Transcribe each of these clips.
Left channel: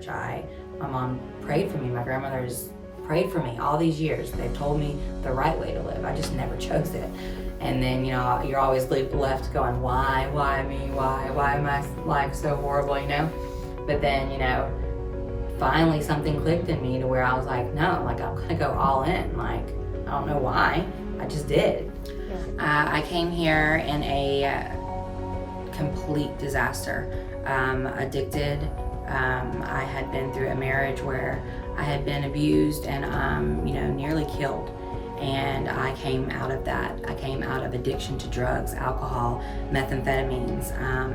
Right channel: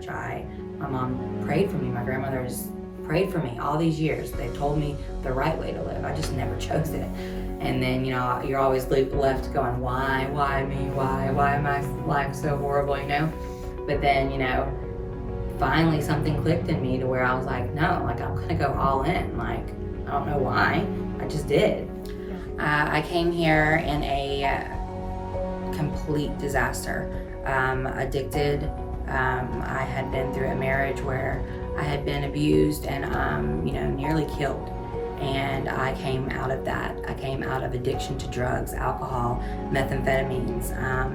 church. My mom prayed for me. My grandmother's prayed for me all these years. They've told me the right way to live. I just never chose it. And then, you know, you're always left going, why me? Why am my life so horrible, you know? But then, you know, finally something clicked in me to where I was like, no, like I'm gonna go all in. Like, I don't know why, I just did. I came here in a complete disaster. Addicted. I had been through a marriage where I had been abused and, you know, nearly killed. And I came out of that. I came out of addiction to drugs, alcohol, methamphetamines.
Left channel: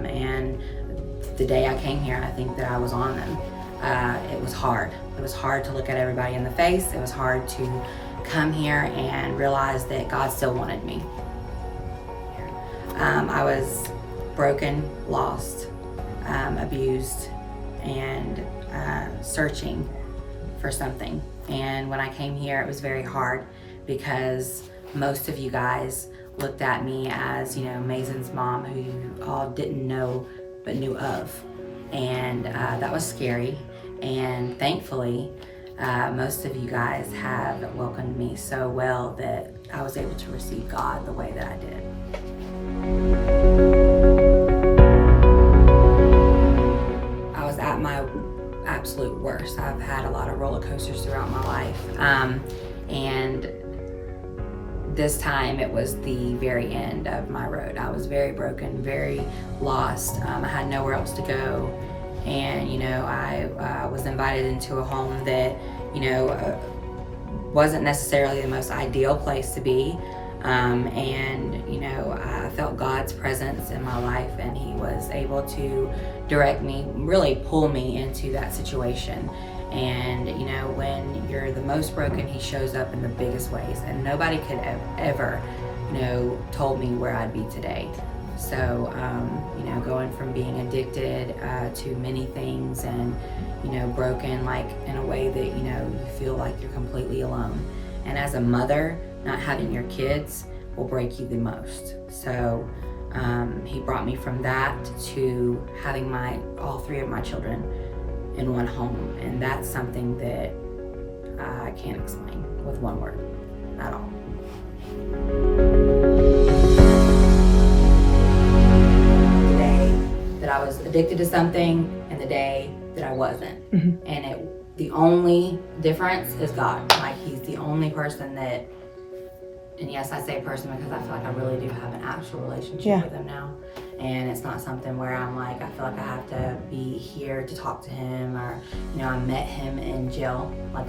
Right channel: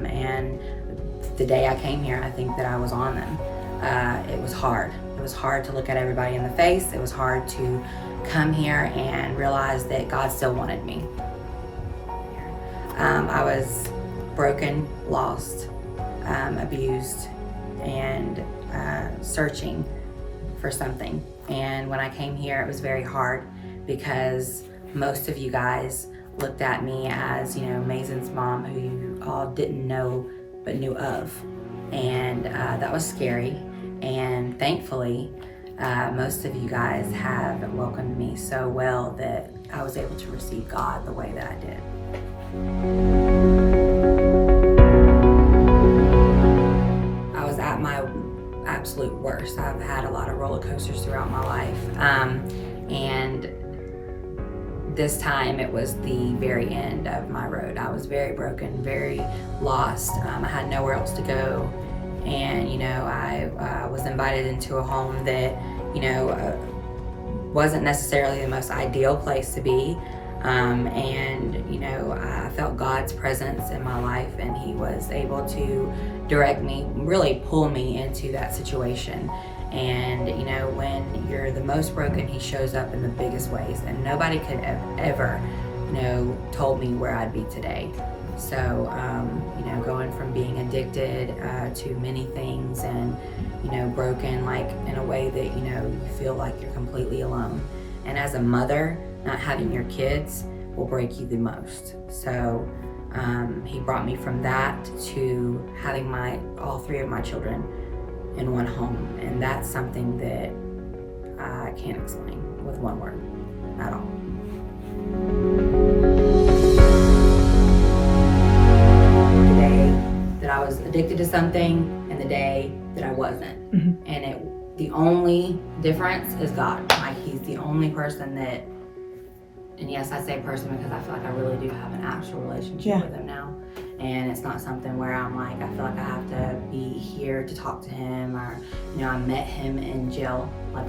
And the day I came here, I think that I was on them. It was hard. It was hard to look at everybody in the face. It was hard to come here and realize that God still wanted me. I was broken, lost, abused, and searching for something. And when I came here, it was very hard because most of you guys looked at me as, you know, Mason's mom, who you all didn't know but knew of. And that was scary. And thankfully, most of you guys have welcomed me so well that I was able to receive God the way that I did. I was at my absolute worst. I've had a lot of roller coasters throughout my life. And this time it was the very end of my road. I was very broken, very lost. I had nowhere else to go. And, you know, I was invited into a home that, you know, wasn't necessarily the most ideal place to be. And, you know, I felt God's presence in my life, and He was able to direct me, really pull me into that situation. And, you know, when you're the most broken, He shows up in the biggest ways. And nobody could ever, you know, told me where I'd be today. So, you know, going from being addicted to many things and, you know, broken, like in a way that, you know, you feel like you're completely alone. And as a mother, not having your kids will break you the most. So He brought me from that to having all three of my children in one home. And that's something that I can't explain with one word at all. The day that I was addicted to something and the day that I wasn't. Mm-hmm. And the only difference is God. Like, He's the only person that, and yes, I say person because I feel like I really do have an actual relationship with Him now. And it's not something where I'm like, I feel like I have to be here to talk to Him, or, you know, I met Him in jail. Like,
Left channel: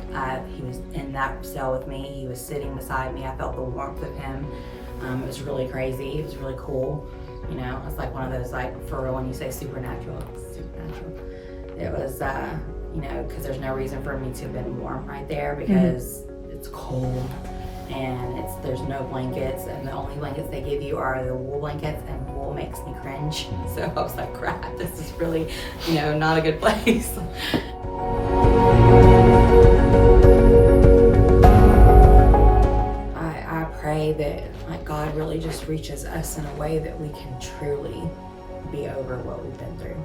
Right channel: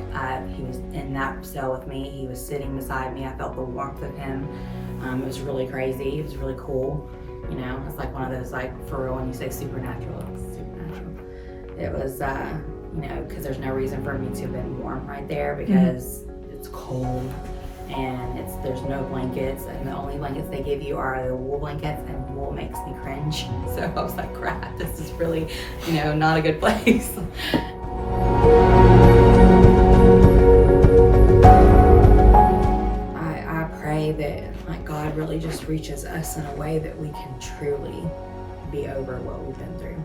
He was in that cell with me. He was sitting beside me. I felt the warmth of Him. It was really crazy. It was really cool. You know, it's like one of those, like, for real, when you say supernatural, it's supernatural. It was, you know, because there's no reason for me to have been warm right there because it's cold. And there's no blankets, and the only blankets they give you are the wool blankets, and wool makes me cringe. So I was like, crap, this is really, you know, not a good place. I pray that, like, God really just reaches us in a way that we can truly be over what we've been through.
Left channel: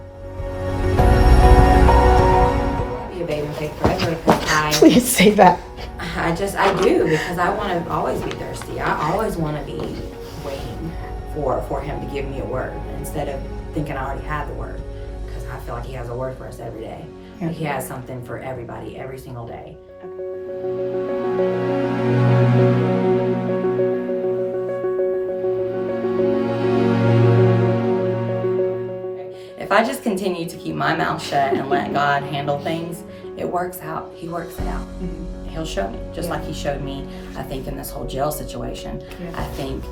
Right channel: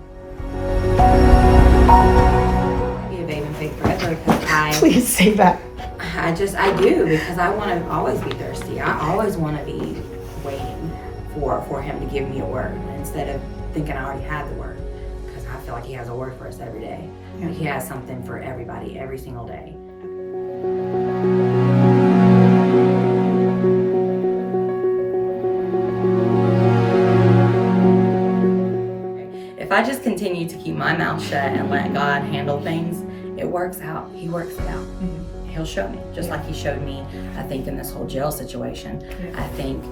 Be a babe in faith forever because Please say that. I do, because I want to always be thirsty. I always want to be waiting for Him to give me a word instead of thinking I already have the word, because I feel like He has a word for us every day. Yeah. Like, He has something for everybody every single day. If I just continue to keep my mouth shut and let God handle things, it works out. He works it out. Mm-hmm. He'll show me, just like He showed me, I think, in this whole jail situation. Yeah. I think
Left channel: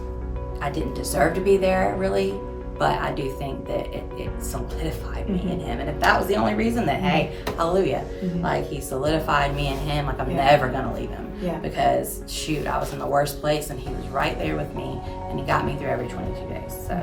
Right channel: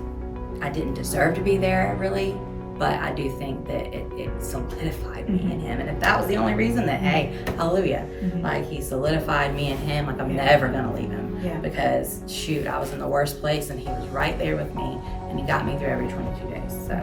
I didn't deserve to be there, really, but I do think that it solidified me in Him. And if that was the only reason, that, hey, hallelujah, like, He solidified me in Him, like, I'm never gonna leave Him. Yeah. Because, shoot, I was in the worst place, and He was right there with me, and He got me through every 22 days, so.